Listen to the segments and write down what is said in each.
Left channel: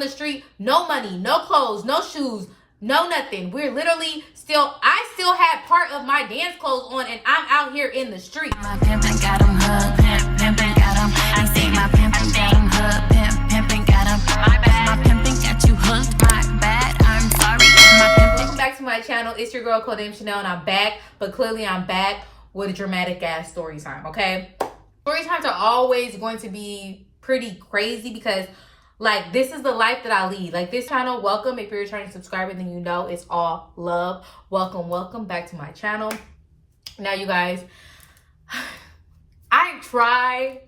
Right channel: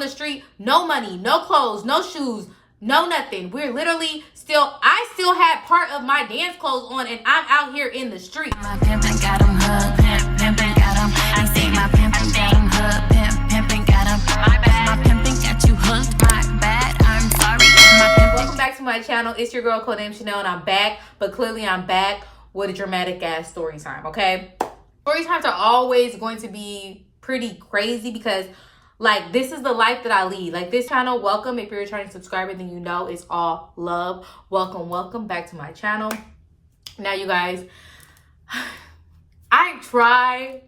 in the street, no money, no clothes, no shoes, no nothing. We're literally I still had part of my dance clothes on, and I'm out here in the street. My pimpin' got him hooked, pimpin' got him. I say my pimpin' got him hooked, pimpin' got him. My pimpin' got you hooked, my bad, I'm sorry. Welcome back to my channel. It's your girl Codenamechanel, and I'm back, but clearly I'm back with a dramatic ass story time, okay? Story times are always going to be pretty crazy because like this is the life that I lead. Like this channel, welcome. If you're a returning subscriber, then you know it's all love. Welcome back to my channel. Now you guys, I try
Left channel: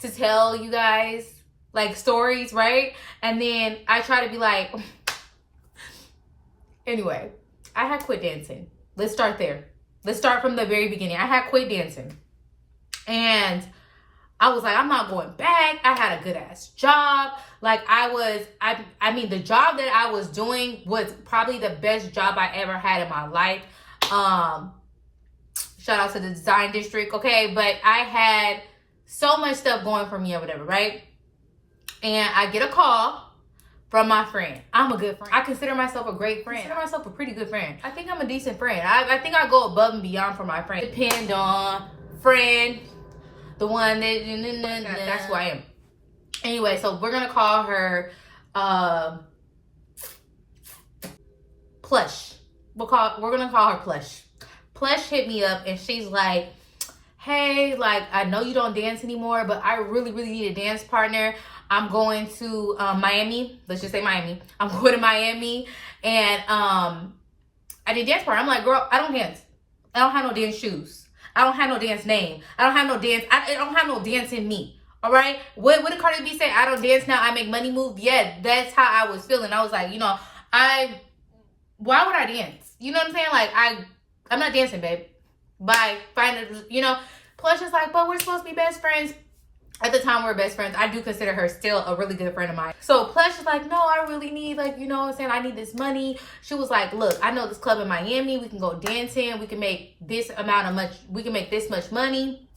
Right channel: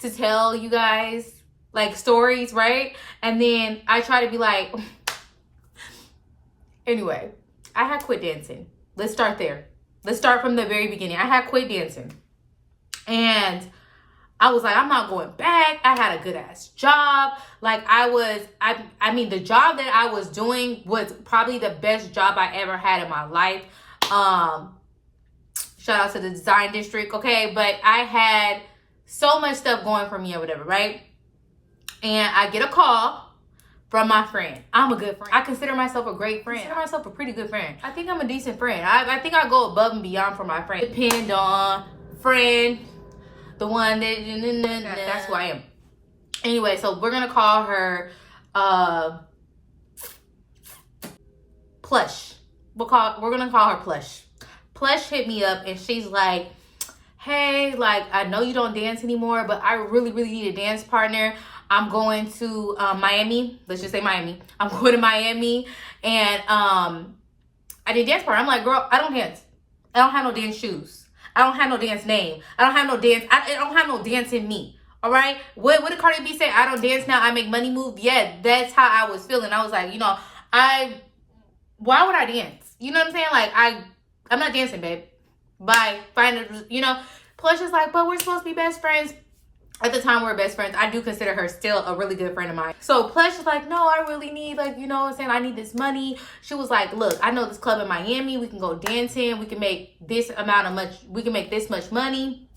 to tell you guys like stories, right? And then I try to be like, anyway, I had quit dancing. Let's start there. Let's start from the very beginning. I had quit dancing. And I was like, I'm not going back. I had a good ass job. Like I mean, the job that I was doing was probably the best job I ever had in my life. Shout out to the design district, okay? But I had so much stuff going for me or whatever, right? And I get a call from my friend. I'm a good friend. I consider myself a great friend. I consider myself a pretty good friend. I think I'm a decent friend. I think I go above and beyond for my friend. Depend on friend, the one that, that's who I am. Anyway, so we're gonna call her Plush. We're gonna call her Plush. Plush hit me up and she's like, hey, like I know you don't dance anymore, but I really need a dance partner. I'm going to Miami. Let's just say Miami. I'm going to Miami and I need a dance partner. I'm like, girl, I don't dance. I don't have no dance shoes. I don't have no dance name. I don't have no dance. I don't have no dance in me. All right. What did Cardi B say? I don't dance now. I make money move. Yeah, that's how I was feeling. I was like, you know, why would I dance? You know what I'm saying? Like, I'm not dancing, babe. Bye. Find it, you know. Plush is like, but we're supposed to be best friends. At the time, we were best friends. I do consider her still a really good friend of mine. So Plush is like, no, I really need, like, you know what I'm saying? I need this money. She was like, look, I know this club in Miami. We can go dancing. We can make this we can make this much money.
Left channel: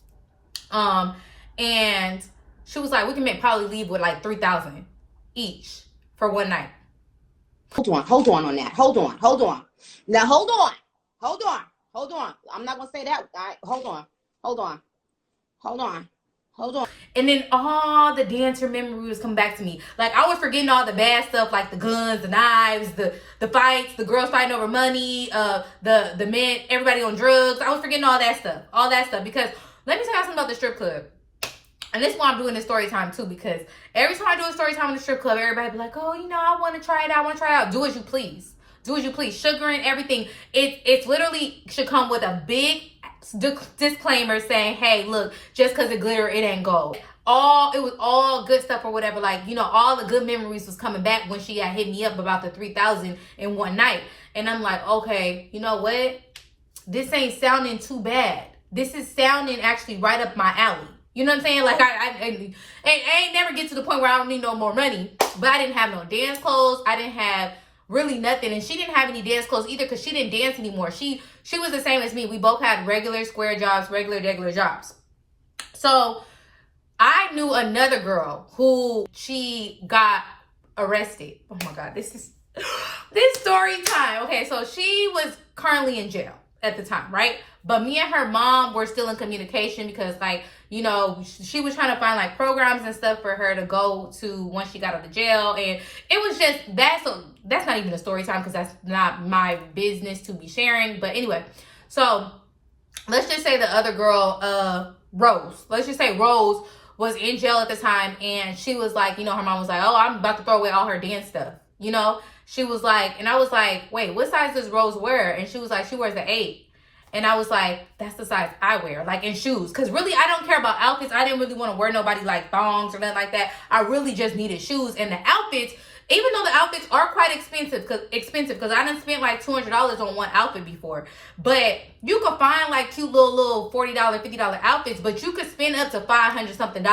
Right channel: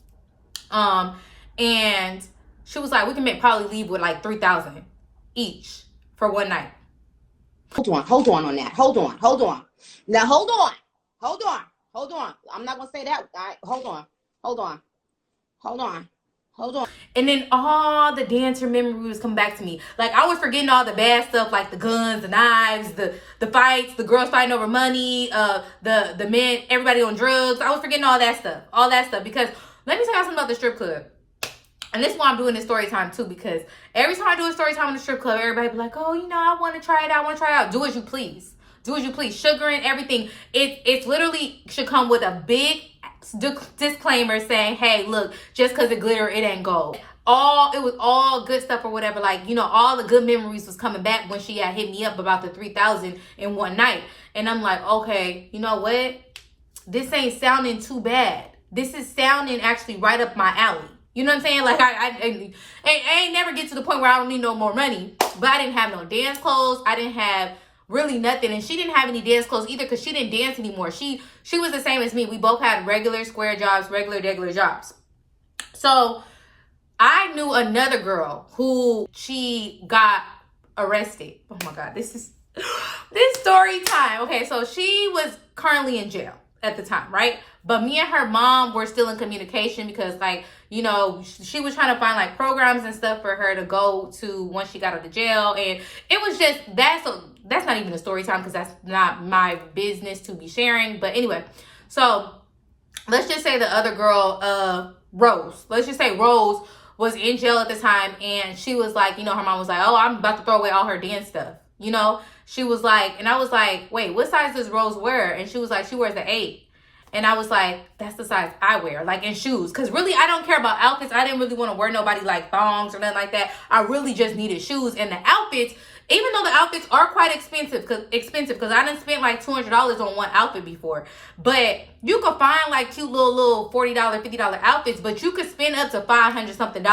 And she was like, we can probably leave with like $3,000 each for one night. Hold on on that. Hold on. Now, hold on. I'm not going to say that. Hold on. And then all the dancer memories come back to me. Like I was forgetting all the bad stuff, like the guns, the knives, the fights, the girls fighting over money, the men, everybody on drugs. I was forgetting all that stuff because let me tell you something about the strip club. And this is why I'm doing this story time too, because every time I do a story time in the strip club, everybody be like, oh, you know, I want to try it out. Do as you please. Sugar and everything. It literally should come with a big disclaimer saying, hey, look, just because it glitter, it ain't gold. It was all good stuff or whatever. Like, you know, all the good memories was coming back when she had hit me up about the $3,000 in one night. And I'm like, okay, you know what? This ain't sounding too bad. This is sounding actually right up my alley. You know what I'm saying? Like I ain't never get to the point where I don't need no more money, but I didn't have no dance clothes. I didn't have really nothing. And she didn't have any dance clothes either because she didn't dance anymore. She was the same as me. We both had regular square jobs, regular jobs. So I knew another girl who she got arrested. Oh my God, this story time. Okay, so she was currently in jail at the time, right? But me and her mom were still in communication because, like, you know, she was trying to find like programs and stuff for her to go to once she got out of jail. And it was just, that's not even a story time because that's not my business to be sharing. But anyway, so let's just say the other girl, Rose. Let's just say Rose was in jail at the time. And she was like, you know, her mom was like, oh, I'm about to throw away all her dance stuff. You know, she was like, and I was like, wait, what size does Rose wear? And she was like, she wears an 8. And I was like, that's the size I wear, like in shoes. Because really, I don't care about outfits. I didn't really want to wear nobody like thongs or nothing like that. I really just needed shoes. And the outfits, even though the outfits are quite expensive, because I done spent like $200 on one outfit before. But you could find like cute little $40, $50 outfits. But you could spend up to $500 something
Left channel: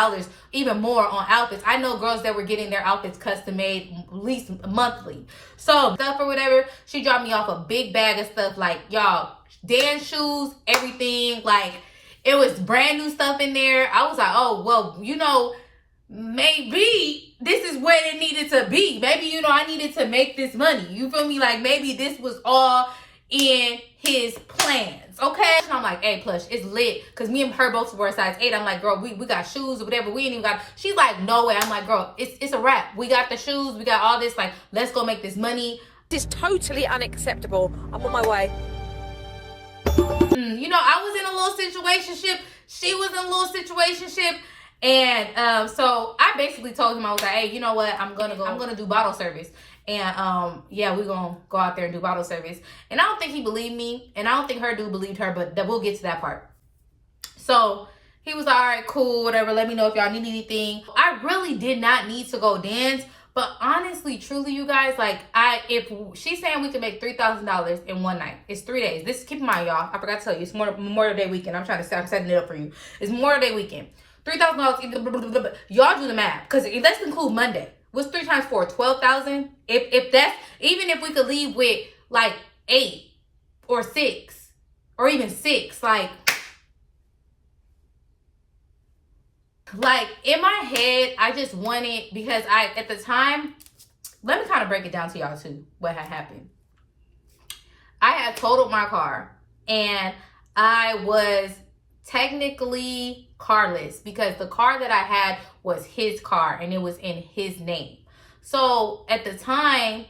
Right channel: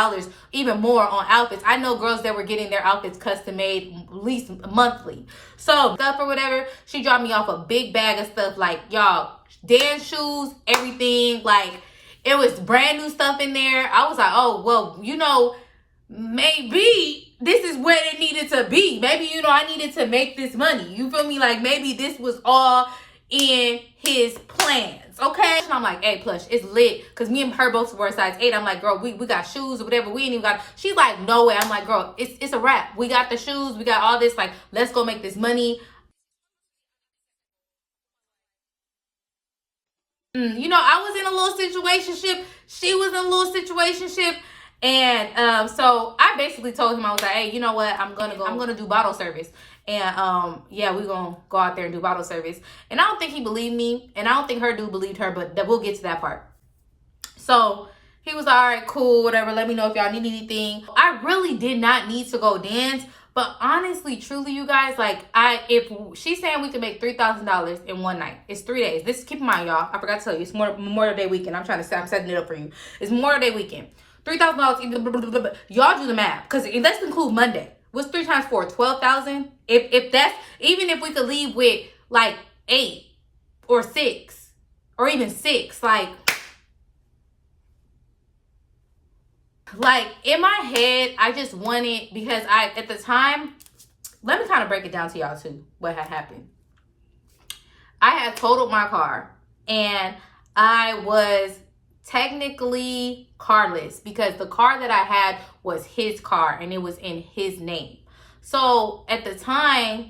even more on outfits. I know girls that were getting their outfits custom made at least monthly. So stuff or whatever, she dropped me off a big bag of stuff like, y'all, dance shoes, everything. Like, it was brand new stuff in there. I was like, oh, well, you know, maybe this is where it needed to be. Maybe, you know, I needed to make this money. You feel me? Like, maybe this was all in his plans, okay? And I'm like, hey, Plush, it's lit. Because me and her both were size 8. I'm like, girl, we got shoes or whatever. We ain't even got... She's like, no way. I'm like, girl, it's a wrap. We got the shoes. We got all this. Like, let's go make this money. This is totally unacceptable. I'm on my way. You know, I was in a little situationship. She was in a little situationship. And so I basically told him, I was like, hey, you know what? I'm gonna do bottle service. And yeah, we're gonna go out there and do bottle service. And I don't think he believed me, and I don't think her dude believed her, but we'll get to that part. So he was all right, cool, whatever. Let me know if y'all need anything. I really did not need to go dance, but honestly, truly, you guys, like, if she's saying we can make $3,000 in one night, it's 3 days. This, keep in mind, y'all, I forgot to tell you, it's Memorial Day weekend. I'm setting it up for you. It's Memorial Day weekend. $3,000. Y'all do the math, because let's include Monday. What's 3 times 4? 12,000. If that's, even if we could leave with like 8 or 6 or even 6, like in my head, I just wanted, because at the time, let me kind of break it down to y'all too, what had happened. I had totaled my car, and I was technically carless because the car that I had was his car and it was in his name. So at the time,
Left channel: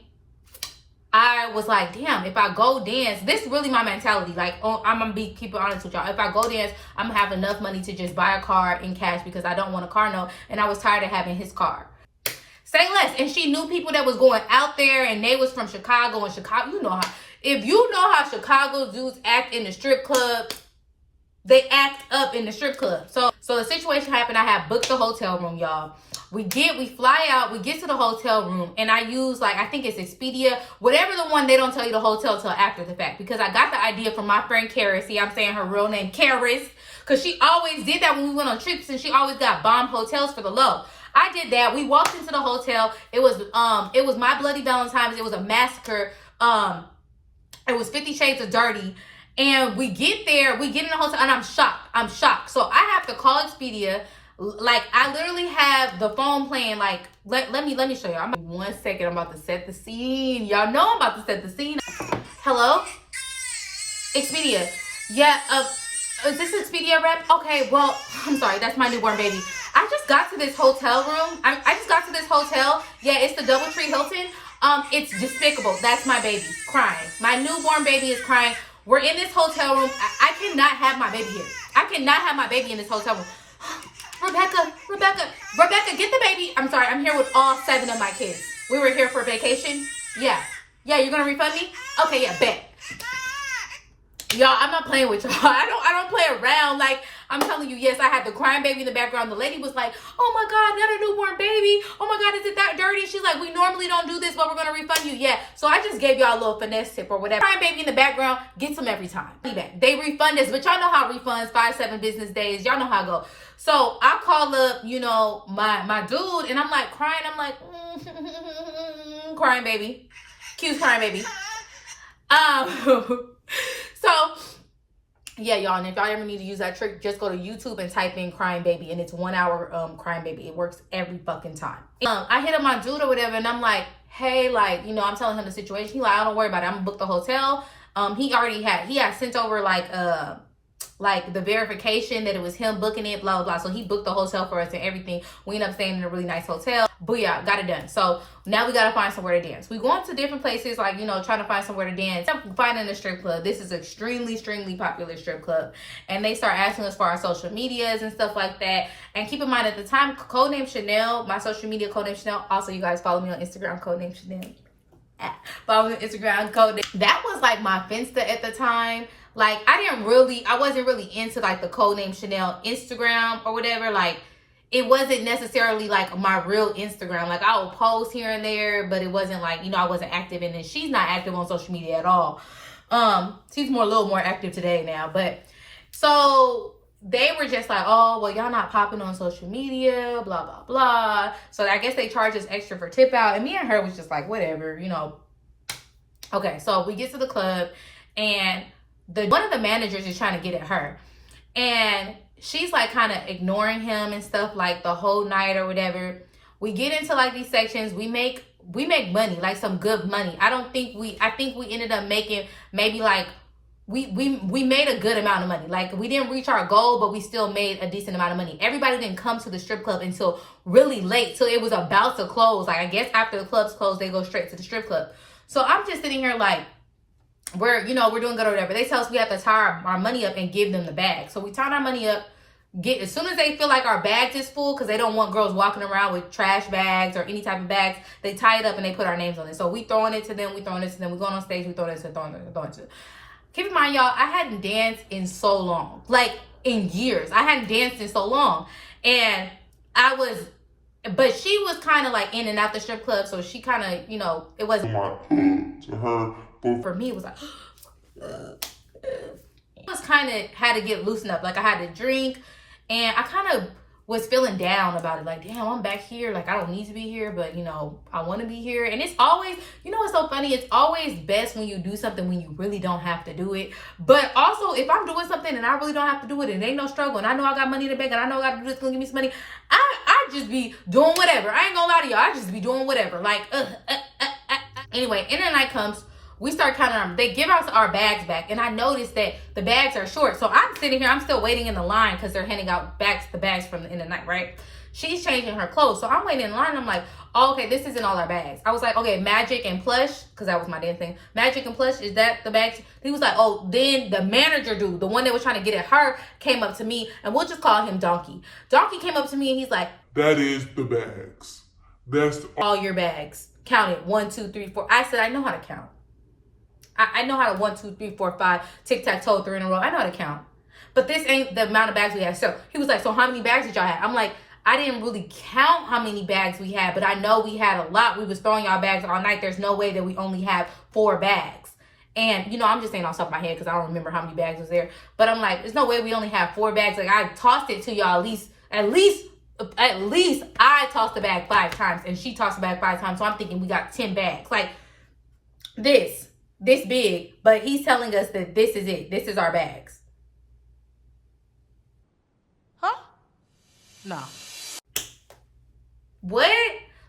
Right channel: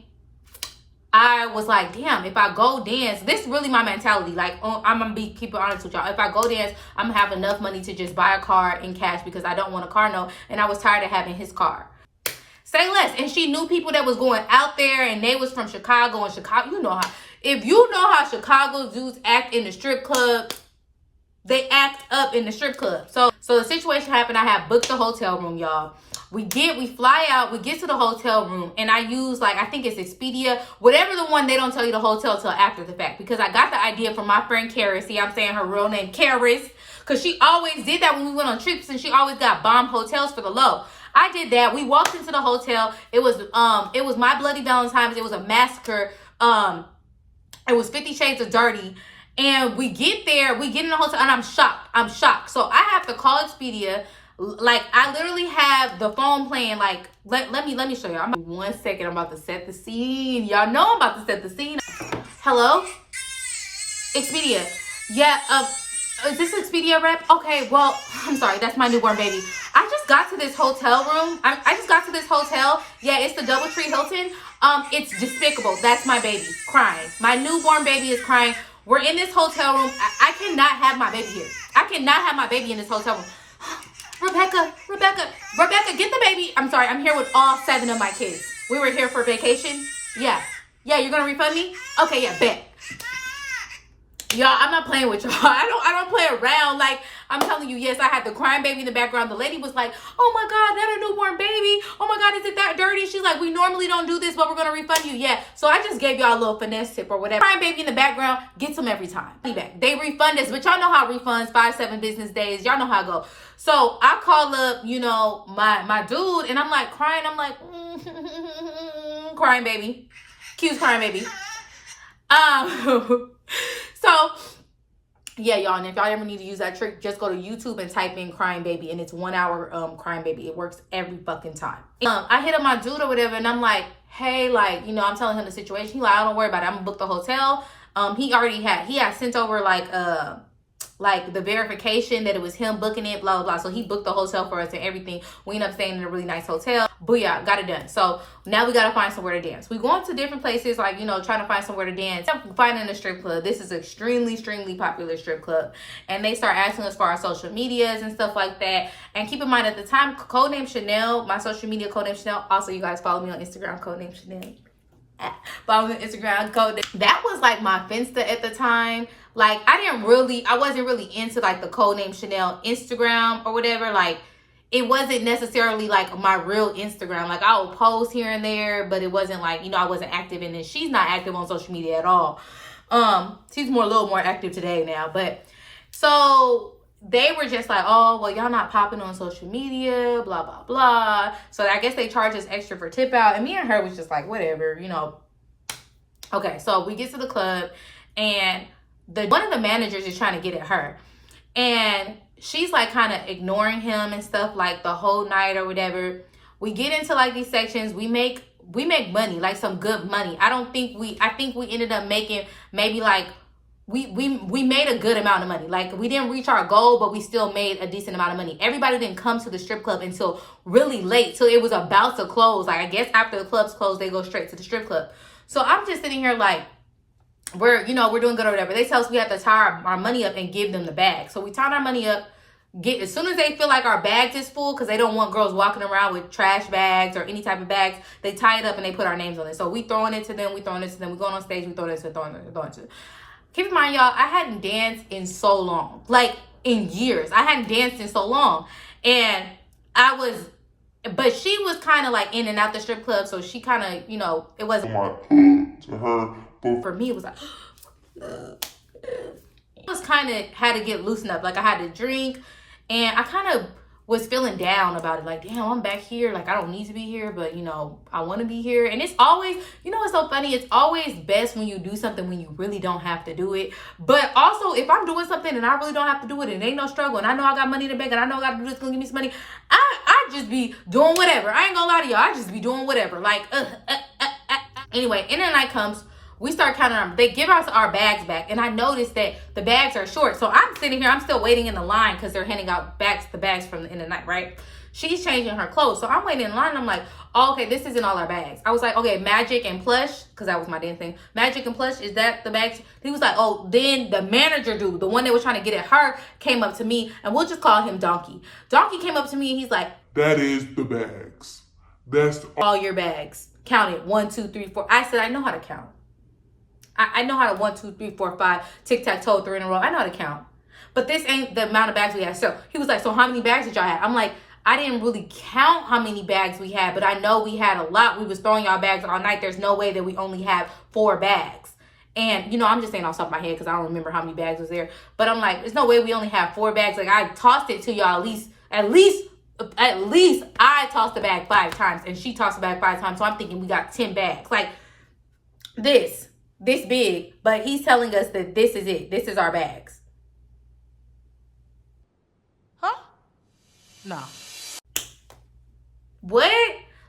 I was like, damn, if I go dance, this is really my mentality. Like, I'm gonna keep it honest with y'all. If I go dance, I'm gonna have enough money to just buy a car in cash because I don't want a car note, and I was tired of having his car. Say less. And she knew people that was going out there, and they was from Chicago, and Chicago, you know how, if you know how Chicago dudes act in the strip club, they act up in the strip club. So the situation happened. I had booked the hotel room, y'all. We fly out, we get to the hotel room, and I use, like, I think it's Expedia, whatever the one, they don't tell you the hotel till after the fact, because I got the idea from my friend Karis. See, I'm saying her real name, Karis, because she always did that when we went on trips, and she always got bomb hotels for the low. I did that. We walked into the hotel. It was My Bloody Valentine's. It was a massacre. It was 50 Shades of Dirty. And we get there, we get in the hotel, and I'm shocked. So I have to call Expedia. Like, I literally have the phone playing, like, let me show y'all. 1 second, I'm about to set the scene. Y'all know I'm about to set the scene. Hello? Expedia. Yeah, is this Expedia rep? Okay, well, I'm sorry, that's my newborn baby. I just got to this hotel room. I just got to this hotel. Yeah, it's the Doubletree Hilton. It's despicable. That's my baby crying. My newborn baby is crying. We're in this hotel room. I cannot have my baby here. I cannot have my baby in this hotel room. Rebecca, get the baby. I'm sorry, I'm here with all 7 of my kids. We were here for vacation. Yeah, you're gonna refund me? Okay, yeah, bet. Y'all, I'm not playing with y'all. I don't play around. Like, I'm telling you, yes, I had the crying baby in the background. The lady was like, oh my God, that a newborn baby? Oh my God, is it that dirty? She's like, we normally don't do this, but we're gonna refund you. Yeah, so I just gave y'all a little finesse tip or whatever. Crying baby in the background, gets them every time. They refund us, but y'all know how refunds, 5-7 business days. Y'all know how it go. So I call up, you know, my dude, and I'm like crying. I'm like, crying baby. Cute's crying baby. So, yeah, y'all, and if y'all ever need to use that trick, just go to YouTube and type in crying baby, and it's 1 hour crying baby. It works every fucking time. I hit up my dude or whatever, and I'm like, hey, like, you know, I'm telling him the situation. He's like, I don't worry about it. I'm gonna book the hotel. He had sent over like the verification that it was him booking it, blah, blah, blah. So he booked the hotel for us and everything. We ended up staying in a really nice hotel. Booyah, got it done. So now we got to find somewhere to dance. We going to different places, like, you know, trying to find somewhere to dance. Finding a strip club. This is extremely popular strip club. And they start asking us for our social medias and stuff like that. And keep in mind, at the time, Codenamechanel, my social media, Codenamechanel. Also, you guys follow me on Instagram, Codenamechanel. Follow me on Instagram, Code. That was like my Finsta at the time. Like, I wasn't really into like the Codenamechanel Instagram or whatever. Like, it wasn't necessarily like my real Instagram. Like, I would post here and there, but it wasn't like, you know, I wasn't active in it. She's not active on social media at all. She's a little more active today now. But so they were just like, oh, well, y'all not popping on social media, blah, blah, blah. So I guess they charged us extra for tip out. And me and her was just like, whatever, you know. Okay, so we get to the club, and one of the managers is trying to get at her. And she's like kind of ignoring him and stuff like the whole night or whatever. We get into like these sections. We make money, like some good money. I think we ended up making maybe like we made a good amount of money. Like we didn't reach our goal, but we still made a decent amount of money. Everybody didn't come to the strip club until really late. So it was about to close. Like I guess after the clubs close, they go straight to the strip club. So I'm just sitting here like, we're doing good or whatever. They tell us we have to tie our money up and give them the bag. So we tie our money up. As soon as they feel like our bags is full, because they don't want girls walking around with trash bags or any type of bags, they tie it up and they put our names on it. So we throwing it to them, we going on stage, we throwing it to them. Keep in mind, y'all, I hadn't danced in so long, like in years. I hadn't danced in so long, and but she was kind of like in and out the strip club, so she kind of, it wasn't to her. But for me, it was like, it was kind of had to get loosened up. Like I had to drink, and I kind of was feeling down about it. Like, damn, I'm back here. Like I don't need to be here, but I want to be here. And it's always, it's so funny. It's always best when you do something when you really don't have to do it. But also, if I'm doing something and I really don't have to do it, and it ain't no struggle, and I know I got money in the bank, and I know I got to do this, gonna give me some money, I just be doing whatever. I ain't gonna lie to y'all. I just be doing whatever. Like, Anyway, end of the night comes. We start counting they give us our bags back, and I noticed that the bags are short. So I'm sitting here, I'm still waiting in the line because they're handing out the bags from the end of the night, right? She's changing her clothes. So I'm waiting in line, and I'm like, oh, okay, this isn't all our bags. I was like, okay, Magic and Plush, because that was my damn thing. Magic and Plush, is that the bags? He was like, oh, then the manager dude, the one that was trying to get at her, came up to me, and we'll just call him Donkey. Donkey came up to me, and he's like, that is the bags. That's all your bags. Count it. 1, 2, 3, 4. I said, I know how to count. I know how to 1, 2, 3, 4, 5, tic-tac-toe, 3 in a row. I know how to count. But this ain't the amount of bags we had. So he was like, so how many bags did y'all have? I'm like, I didn't really count how many bags we had, but I know we had a lot. We was throwing our bags all night. There's no way that we only have 4 bags. And, I'm just saying off the top of my head because I don't remember how many bags was there. But I'm like, there's no way we only have 4 bags. Like, I tossed it to y'all at least I tossed the bag 5 times, and she tossed the bag 5 times. So I'm thinking we got 10 bags. Like, this big, but he's telling us that this is it. This is our bags. Huh? No. What?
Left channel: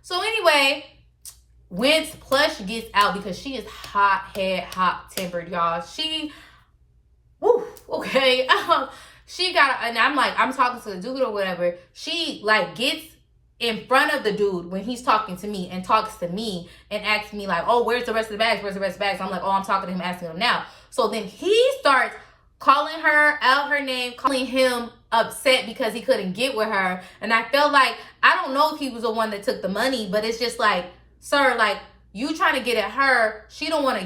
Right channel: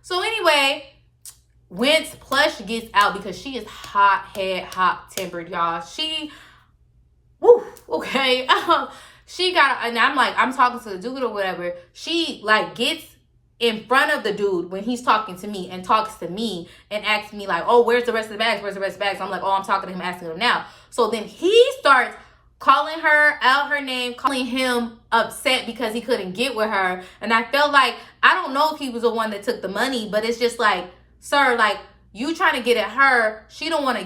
So anyway, once Plush gets out, because she is hot-tempered, y'all. Okay. She got, and I'm talking to the dude or whatever. She like gets in front of the dude when he's talking to me and talks to me and asks me like, oh, where's the rest of the bags? Where's the rest of the bags? I'm like, oh, I'm talking to him, asking him now. So then he starts calling her out her name, calling him upset because he couldn't get with her. And I felt like, I don't know if he was the one that took the money, but it's just like, sir, like, you trying to get at her, she don't want to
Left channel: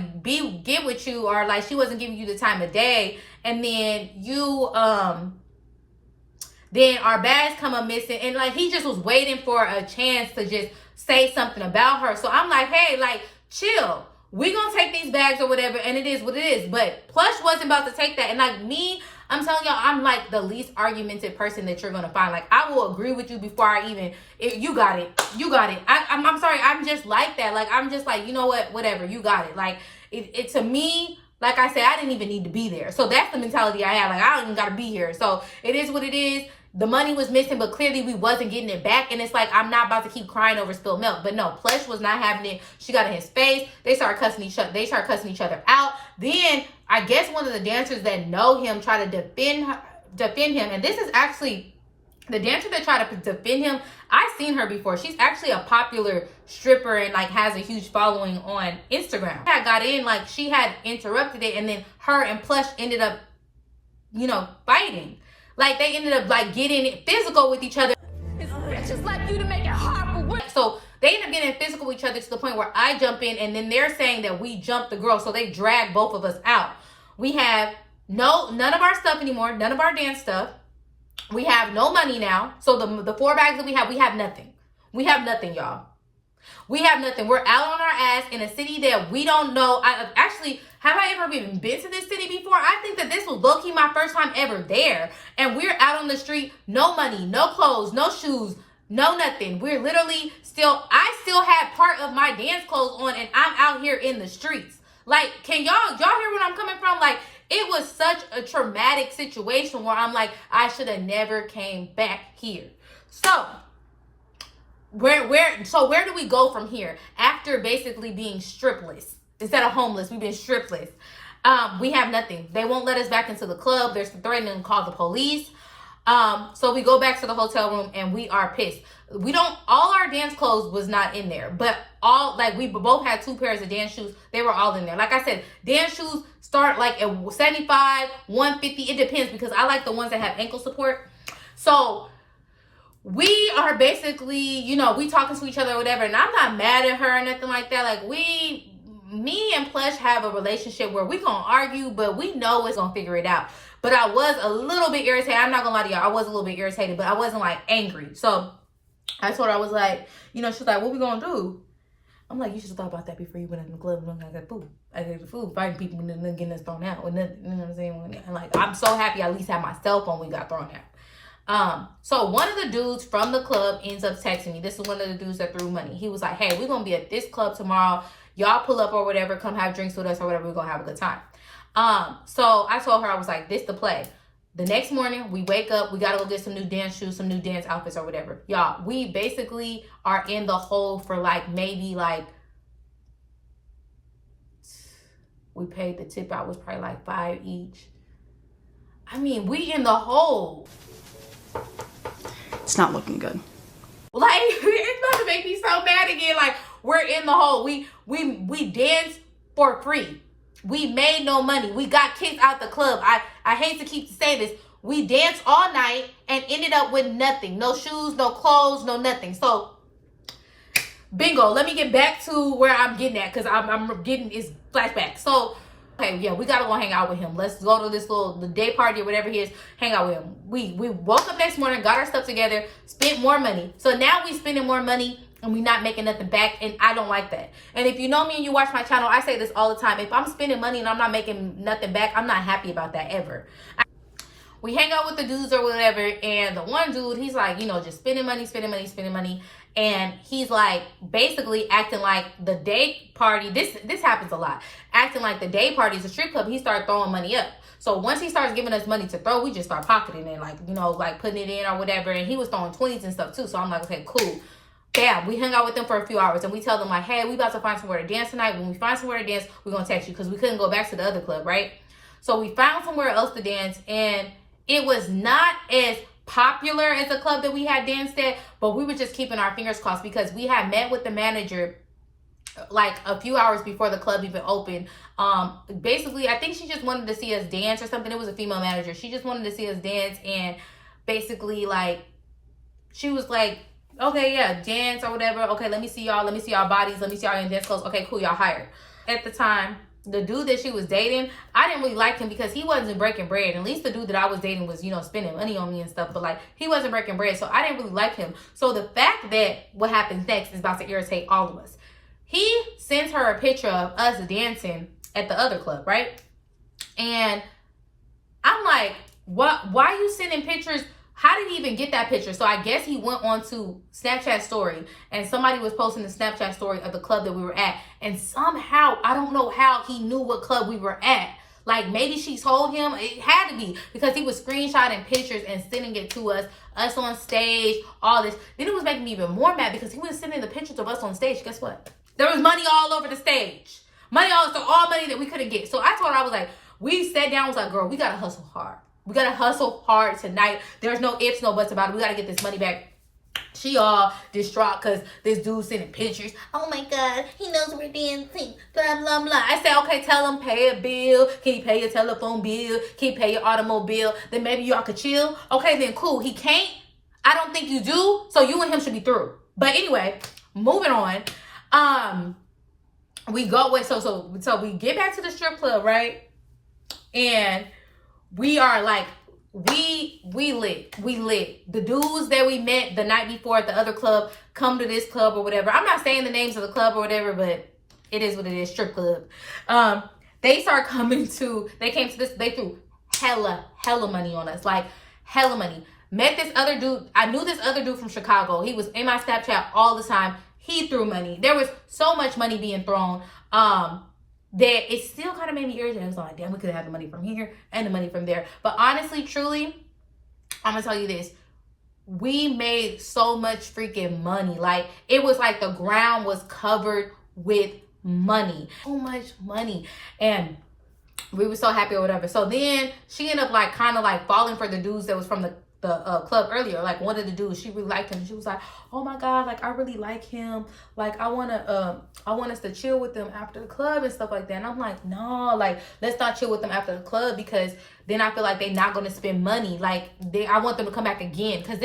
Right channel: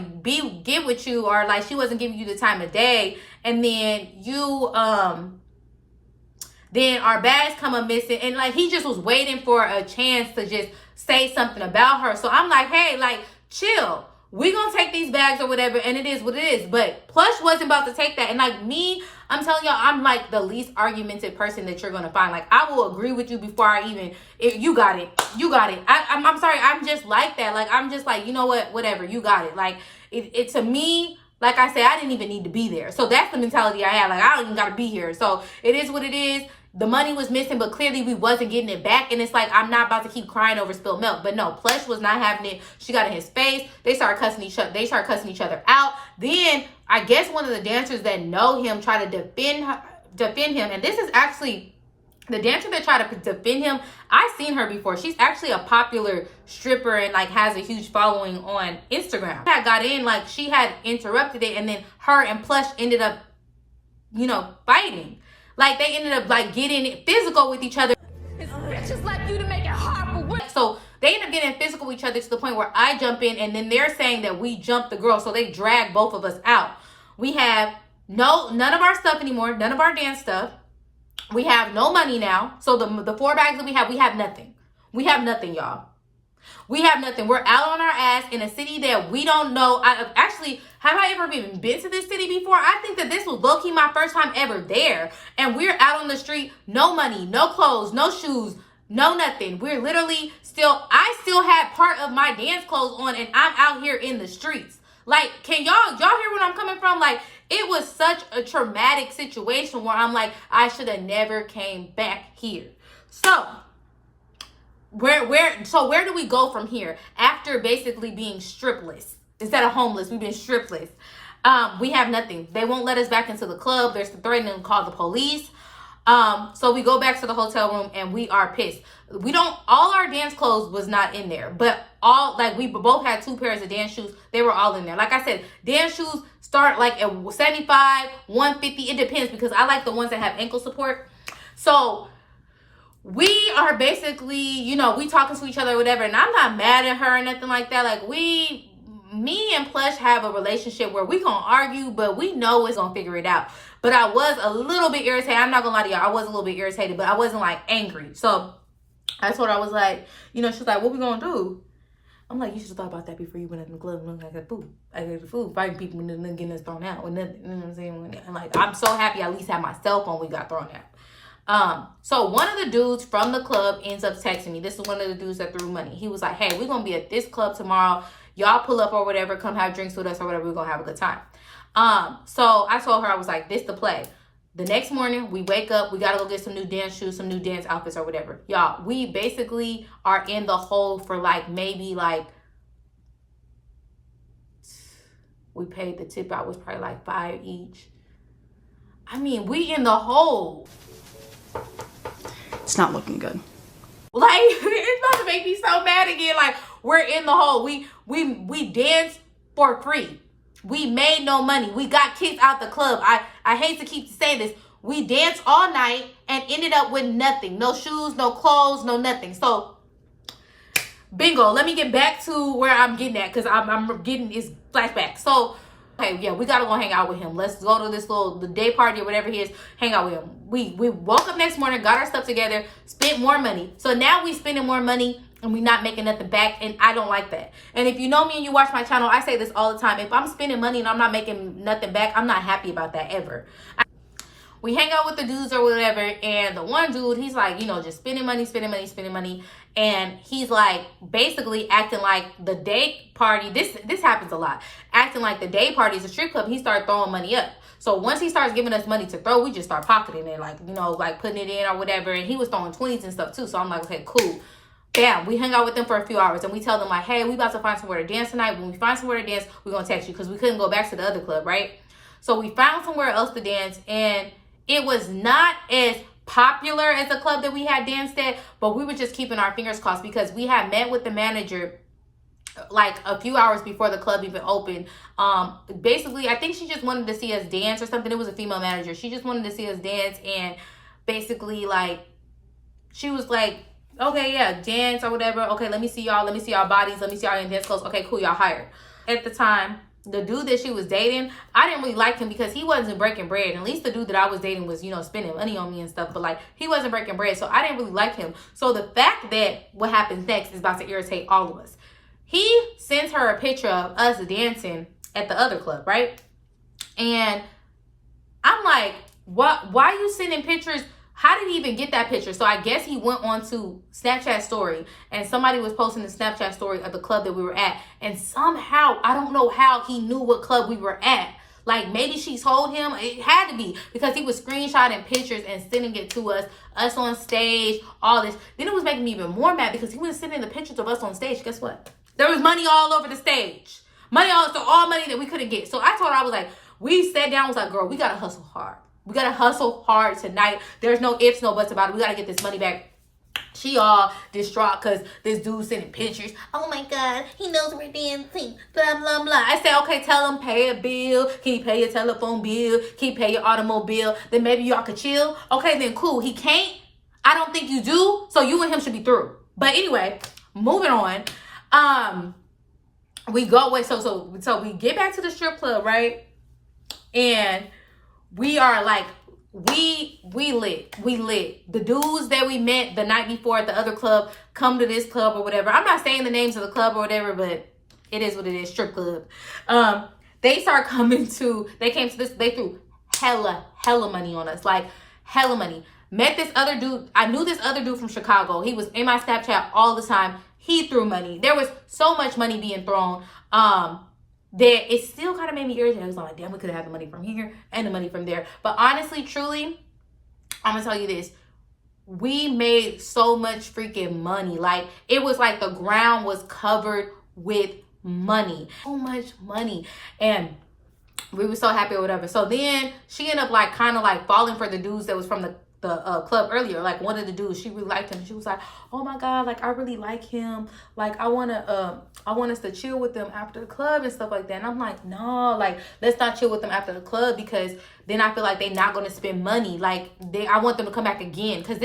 get with you, or like she wasn't giving you the time of day, and then then our bags come up missing, and like he just was waiting for a chance to just say something about her. So I'm like, hey, like, chill. We gonna take these bags or whatever, and it is what it is. But Plush wasn't about to take that. And like me, I'm telling y'all, I'm like the least argumentative person that you're gonna find. Like, I will agree with you before I even, if you got it. I'm sorry, I'm just like that. Like, I'm just like, you know what, whatever, you got it. Like, it to me, like I said, I didn't even need to be there. So that's the mentality I have. Like, I don't even gotta be here. So it is what it is. The money was missing, but clearly we wasn't getting it back. And it's like, I'm not about to keep crying over spilled milk. But no, Plush was not having it. She got in his face. They started cussing each other out. Then I guess one of the dancers that know him tried to defend him. And this is actually the dancer that tried to defend him. I've seen her before. She's actually a popular stripper and like has a huge following on Instagram. I got in, like, she had interrupted it, and then her and Plush ended up, fighting. Like, they ended up like getting physical with each other. It's bitches like you to make it hard for women. So they end up getting physical with each other to the point where I jump in, and then they're saying that we jumped the girl. So they drag both of us out. We have none of our stuff anymore, none of our dance stuff. We have no money now. So the 4 bags that we have nothing. We have nothing, y'all. We have nothing. We're out on our ass in a city that we don't know. Have I ever even been to this city before? I think that this was low-key my first time ever there. And we're out on the street, no money, no clothes, no shoes, no nothing. We're literally I still had part of my dance clothes on, and I'm out here in the streets. Like, can y'all hear where I'm coming from? Like, it was such a traumatic situation where I'm like, I should have never came back here. So where do we go from here after basically being stripless? Instead of homeless, we've been stripless. We have nothing. They won't let us back into the club. They're threatening to call the police. So we go back to the hotel room and we are pissed. All our dance clothes was not in there, but we both had 2 pairs of dance shoes. They were all in there. Like I said, dance shoes start like at 75, 150. It depends because I like the ones that have ankle support. So we are basically, you know, we talking to each other or whatever, and I'm not mad at her or nothing like that. Like me and Plush have a relationship where we gonna argue, but we know it's gonna figure it out. But I was a little bit irritated. I'm not gonna lie to y'all. I was a little bit irritated, but I wasn't like angry. So I told her, I was like, you know, she's like, what we gonna do? I'm like, you should have thought about that before you went in the club and I got food. I got the food, fighting people and then getting us thrown out. And then, you know what I'm saying? And like, I'm so happy I at least had my cell phone when we got thrown out. So one of the dudes from the club ends up texting me. This is one of the dudes that threw money. He was like, hey, we're gonna be at this club tomorrow. Y'all pull up or whatever, come have drinks with us or whatever. We're gonna have a good time. So I told her, I was like, this the play. The next morning, we wake up, we gotta go get some new dance shoes, some new dance outfits or whatever. Y'all, we basically are in the hole for like maybe like, we paid the tip out was probably like $5 each. I mean, we in the hole. It's not looking good. Like, it's about to make me so mad again. Like, we're in the hole. We danced for free. We made no money. We got kicked out the club. I hate to keep saying this. We danced all night and ended up with nothing. No shoes, no clothes, no nothing. So, bingo. Let me get back to where I'm getting at because I'm getting this flashback. So, okay, yeah, we gotta go hang out with him. Let's go to this the day party or whatever it is, hang out with him. We woke up next morning, got our stuff together, spent more money. So now we spending more money and we not making nothing back, and I don't like that. And if you know me and you watch my channel, I say this all the time. If I'm spending money and I'm not making nothing back, I'm not happy about that ever. We hang out with the dudes or whatever, and the one dude, he's like, you know, just spending money. And he's like basically acting like the day party, this happens a lot, acting like the day party is a strip club. He started throwing money up. So once he starts giving us money to throw, we just start pocketing it, like, you know, like putting it in or whatever. And he was throwing 20s and stuff too. So I'm like, okay, cool. Bam, we hung out with them for a few hours and we tell them like, hey, we about to find somewhere to dance tonight. When we find somewhere to dance, we're gonna text you because we couldn't go back to the other club, right? So we found somewhere else to dance, and it was not as popular as a club that we had danced at, but we were just keeping our fingers crossed because we had met with the manager like a few hours before the club even opened. Basically, I think she just wanted to see us dance or something. It was a female manager. She just wanted to see us dance, and basically like she was like, okay, yeah, dance or whatever. Okay, let me see y'all bodies, let me see y'all in dance clothes. Okay, cool, y'all hired. At the time, the dude that she was dating, I didn't really like him because he wasn't breaking bread. At least the dude that I was dating was, you know, spending money on me and stuff, but like he wasn't breaking bread, so I didn't really like him. So the fact that what happens next is about to irritate all of us. He sends her a picture of us dancing at the other club, right? And I'm like, what? Why are you sending pictures? How did he even get that picture? So I guess he went on to Snapchat story and somebody was posting the Snapchat story of the club that we were at. And somehow, I don't know how he knew what club we were at. Like maybe she told him. It had to be because he was screenshotting pictures and sending it to us on stage, all this. Then it was making me even more mad because he was sending the pictures of us on stage. Guess what? There was money all over the stage. All money that we couldn't get. So I told her, I was like, we sat down, was like, girl, we gotta hustle hard. We gotta hustle hard tonight. There's no ifs, no buts about it. We gotta get this money back. She all distraught because this dude sending pictures. Oh my God, he knows we're dancing. Blah, blah, blah. I said, okay, tell him pay a bill. Can you pay your telephone bill? Can you pay your automobile? Then maybe y'all could chill. Okay, then cool. He can't. I don't think you do. So you and him should be through. But anyway, moving on. We go away. So we get back to the strip club, right? And we are like, we lit. The dudes that we met the night before at the other club come to this club or whatever. I'm not saying the names of the club or whatever, but it is what it is, strip club. They came to this, they threw hella money on us, like hella money. Met this other dude. I knew this other dude from Chicago. He was in my Snapchat all the time. He threw money. There was so much money being thrown. that it still kind of made me irritated. I was like, damn, we could have had the money from here and the money from there. But honestly, truly, I'm gonna tell you this. We made so much freaking money. Like, it was like the ground was covered with money. So much money. And we were so happy or whatever. So then she ended up like kind of like falling for the dudes that was from the club earlier. Like, one of the dudes, she really liked him. She was like, oh my God, like I really like him. Like I want us to chill with them after the club and stuff like that. And I'm like, no, like let's not chill with them after the club, because then I feel like they're not going to spend money. Like I want them to come back again. Because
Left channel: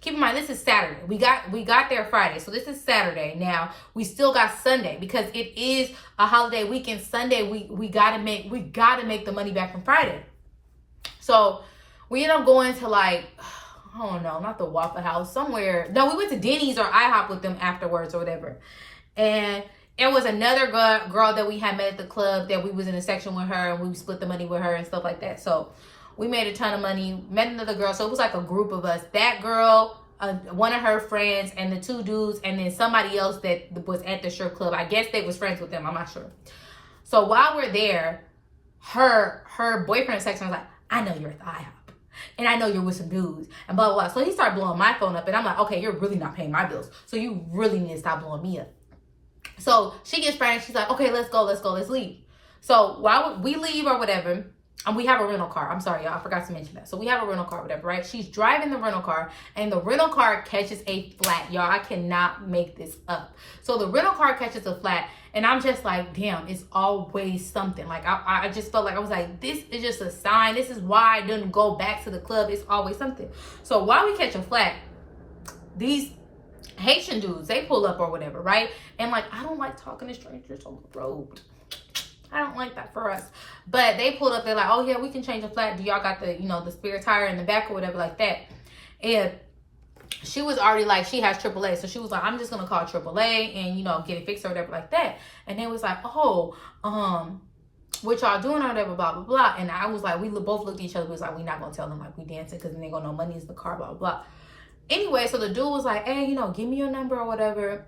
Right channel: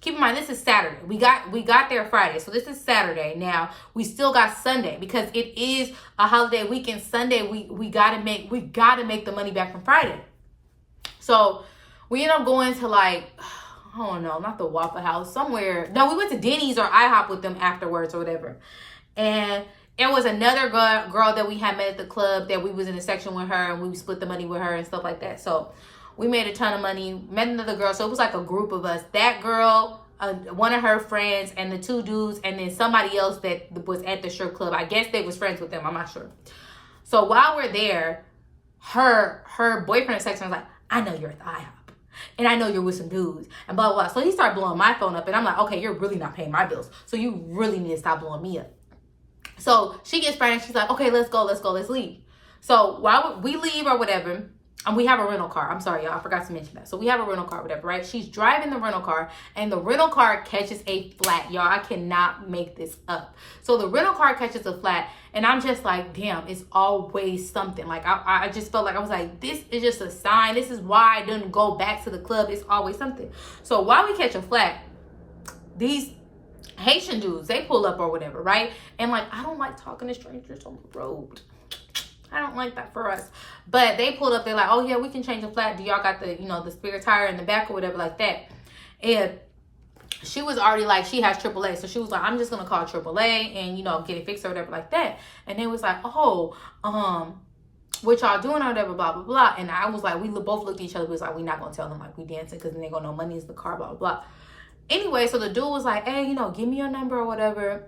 keep in mind, this is Saturday. We got there Friday. So this is Saturday. Now we still got Sunday, because it is a holiday weekend. Sunday, we gotta make the money back from Friday. So we ended up going to like, I don't know, not the Waffle House, somewhere. No, we went to Denny's or IHOP with them afterwards or whatever. And it was another girl that we had met at the club that we was in a section with her, and we split the money with her and stuff like that. So we made a ton of money, met another girl. So it was like a group of us. That girl, one of her friends, and the two dudes, and then somebody else that was at the strip club. I guess they was friends with them. I'm not sure. So while we're there, her boyfriend in section was like, I know you're at the IHOP. And I know you're with some dudes and blah, blah, blah. So he started blowing my phone up, and I'm like, okay, you're really not paying my bills. So you really need to stop blowing me up. So she gets frantic. She's like, okay, let's go, let's leave. So while we leave or whatever, and we have a rental car. I'm sorry, y'all, I forgot to mention that. So we have a rental car, whatever, right? She's driving the rental car, and the rental car catches a flat. Y'all, I cannot make this up. So the rental car catches a flat, and I'm just like, damn, it's always something. Like, I just felt like, I was like, this is just a sign. This is why I didn't go back to the club. It's always something. So while we catch a flat, these Haitian dudes, they pull up or whatever, right? And like, I don't like talking to strangers on the road. I don't like that for us. But they pulled up, they're like, oh yeah, we can change the flat. Do y'all got the, the spare tire in the back or whatever like that? And she was already like, she has AAA. So she was like, I'm just going to call AAA and, get it fixed or whatever like that. And they was like, oh, what y'all doing or whatever, blah, blah, blah. And I was like, we both looked at each other. We was like, we not going to tell them like we dancing, because then they going to know money is the car, blah, blah, blah. Anyway, so the dude was like, hey, give me your number or whatever.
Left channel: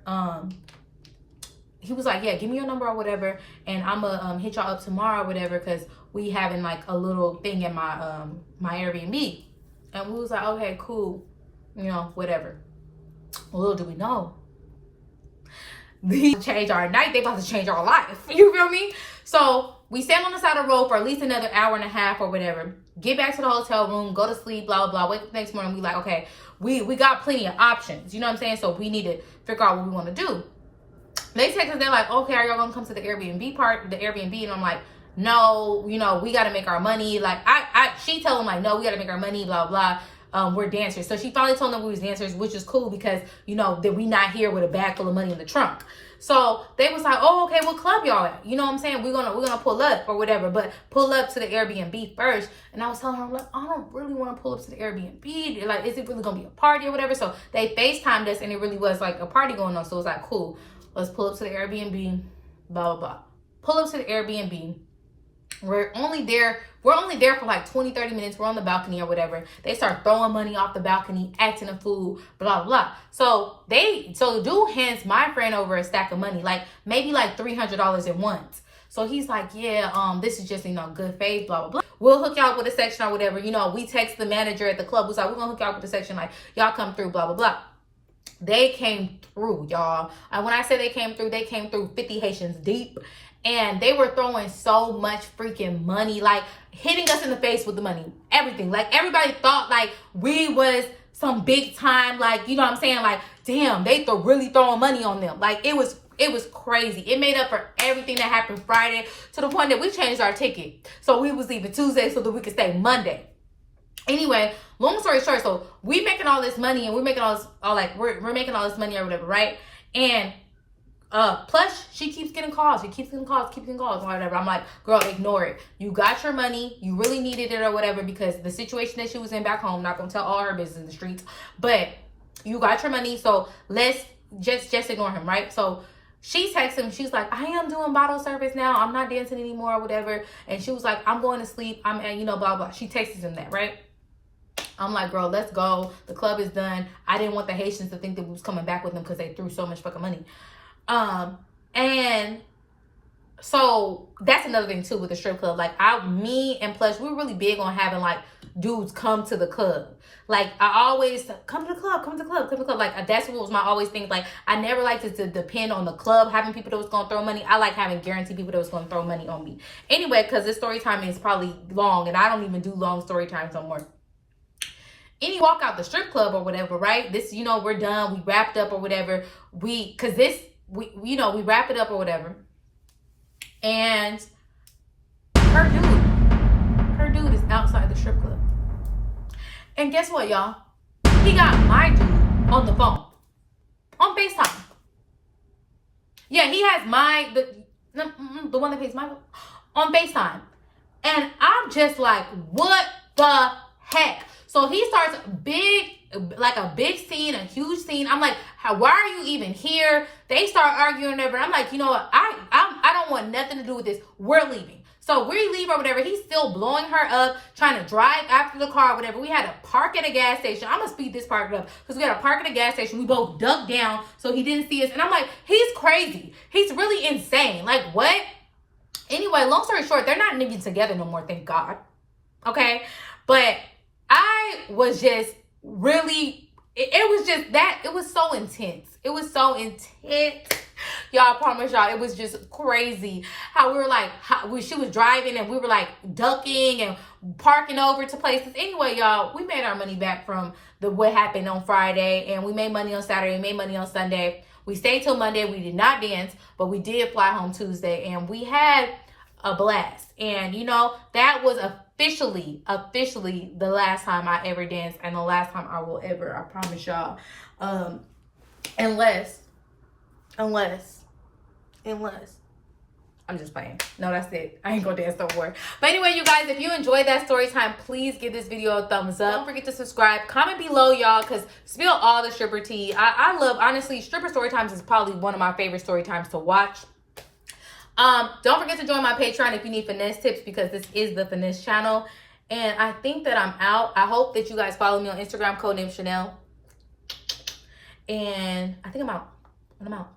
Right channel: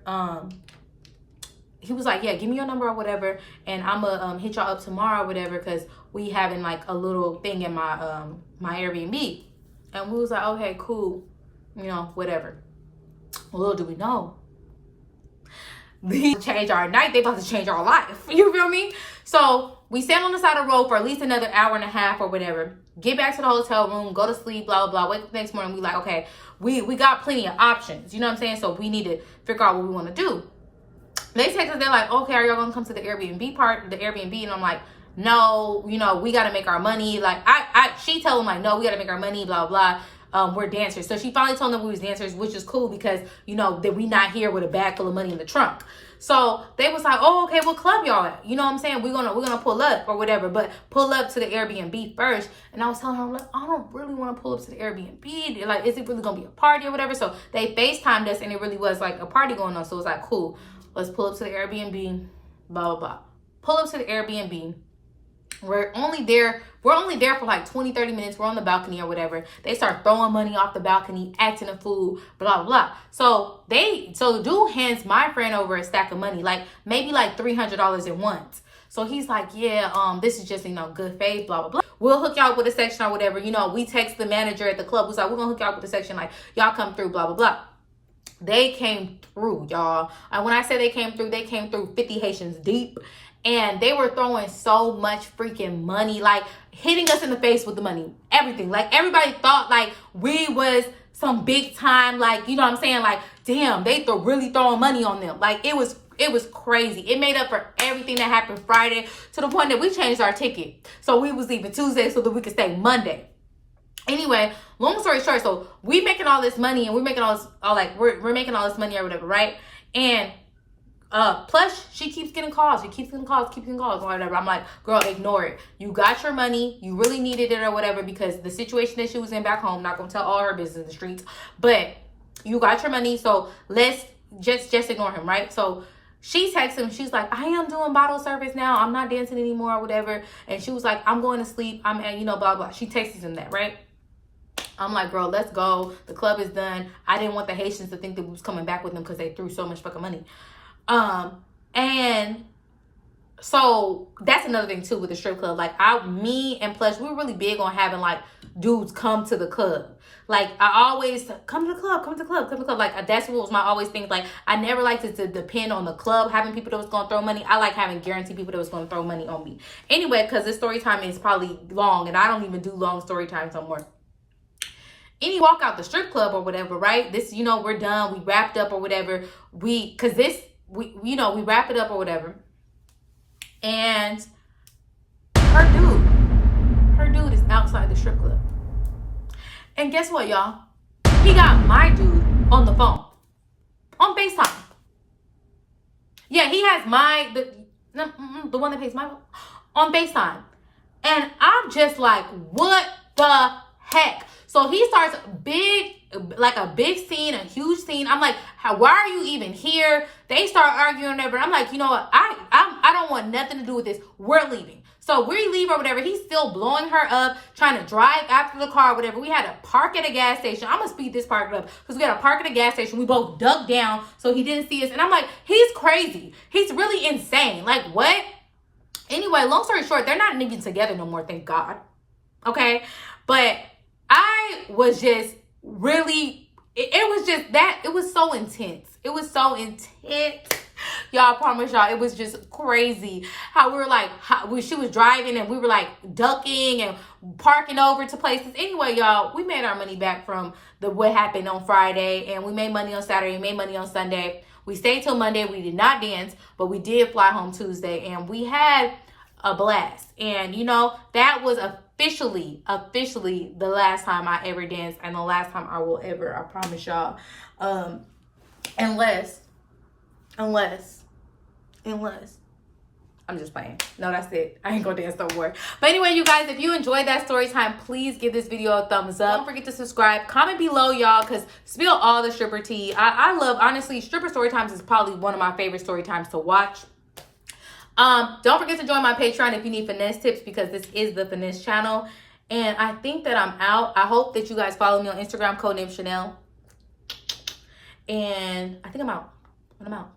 He was like, yeah, give me your number or whatever, and I'm gonna hit y'all up tomorrow or whatever, because we having like a little thing in my my Airbnb. And we was like, okay, cool, whatever. Little do we know, they change our night, they about to change our life. You feel me? So we sat on the side of the road for at least another hour and a half or whatever, get back to the hotel room, go to sleep, blah, blah, blah. Wake up the next morning, we like, okay, we got plenty of options, you know what I'm saying? So we need to figure out what we want to do. They text us, they're like, okay, are y'all gonna come to the Airbnb part, the Airbnb? And I'm like, no, we gotta make our money. Like, she told them like, no, we gotta make our money, blah, blah. We're dancers. So she finally told them we was dancers, which is cool, because, that we not here with a bag full of money in the trunk. So they was like, oh, okay, what club y'all at? You know what I'm saying? We're gonna pull up or whatever, but pull up to the Airbnb first. And I was telling her, like, I don't really want to pull up to the Airbnb. Like, is it really gonna be a party or whatever? So they FaceTimed us, and it really was like a party going on. So it was like, cool. Let's pull up to the Airbnb, blah, blah, blah. Pull up to the Airbnb. We're only there for like 20, 30 minutes. We're on the balcony or whatever. They start throwing money off the balcony, acting a fool, blah, blah, blah. So the dude hands my friend over a stack of money, like maybe like $300 at once. So he's like, yeah, this is just, good faith, blah, blah, blah. We'll hook y'all up with a section or whatever. We text the manager at the club. Who's like, we're going to hook y'all up with a section. Like, y'all come through, blah, blah, blah. They came through, y'all. And when I say they came through 50 Haitians deep. And they were throwing so much freaking money, like hitting us in the face with the money, everything. Like, everybody thought like we was some big time, like, you know what I'm saying? Like, damn, they really throwing money on them. Like, it was crazy. It made up for everything that happened Friday, to the point that we changed our ticket. So we was leaving Tuesday so that we could stay Monday. Anyway, long story short, so we making all this money, and we're making all this money or whatever, right? And plus she keeps getting calls, or whatever. I'm like, girl, ignore it. You got your money, you really needed it or whatever, because the situation that she was in back home, not gonna tell all her business in the streets, but you got your money, so let's just ignore him, right? So she texts him, she's like, I am doing bottle service now, I'm not dancing anymore or whatever. And she was like, I'm going to sleep, I'm at, blah, blah. She texts him that, right? I'm like, girl, let's go. The club is done. I didn't want the Haitians to think that we was coming back with them, because they threw so much fucking money. And So that's another thing too with the strip club. Like me and Plush, we're really big on having like dudes come to the club. Like I always come to the club, come to the club, come to the club. Like that's what was my always thing. Like I never liked it to depend on the club having people that was gonna throw money. I like having guaranteed people that was gonna throw money on me. Anyway, because this story time is probably long, and I don't even do long story times no more. Any walk out the strip club or whatever, right? This, you know, we're done, we wrapped up or whatever. We wrap it up or whatever. And her dude is outside the strip club. And guess what, y'all? He got my dude on the phone. On FaceTime. Yeah, he has the one that pays my on FaceTime. And I'm just like, what the heck? So he starts a big scene, a huge scene. I'm like, why are you even here? They start arguing and whatever. I'm like, you know what? I don't want nothing to do with this. We're leaving. So we leave or whatever. He's still blowing her up, trying to drive after the car or whatever. We had to park at a gas station. I'm going to speed this part up because we got to park at a gas station. We both ducked down so he didn't see us. And I'm like, he's crazy. He's really insane. Like, what? Anyway, long story short, they're not even together no more, thank God. Okay? But I was just really, it was just that, it was so intense. It was so intense. Y'all, I promise y'all, it was just crazy how we were like, she was driving and we were like ducking and parking over to places. Anyway, y'all, we made our money back from what happened on Friday, and we made money on Saturday, we made money on Sunday. We stayed till Monday. We did not dance, but we did fly home Tuesday, and we had a blast. And you know, that was officially the last time I ever danced, and the last time I will ever, I promise y'all. Unless I'm just playing. No, that's it. I ain't gonna dance no more. But anyway, you guys, if you enjoyed that story time, please give this video a thumbs up. Don't forget to subscribe. Comment below, y'all, because spill all the stripper tea. I love, honestly, stripper story times is probably one of my favorite story times to watch. Don't forget to join my Patreon if you need finesse tips, because this is the Finesse channel. And I think that I'm out. I hope that you guys follow me on Instagram, Codenamechanel. And I think I'm out. I'm out.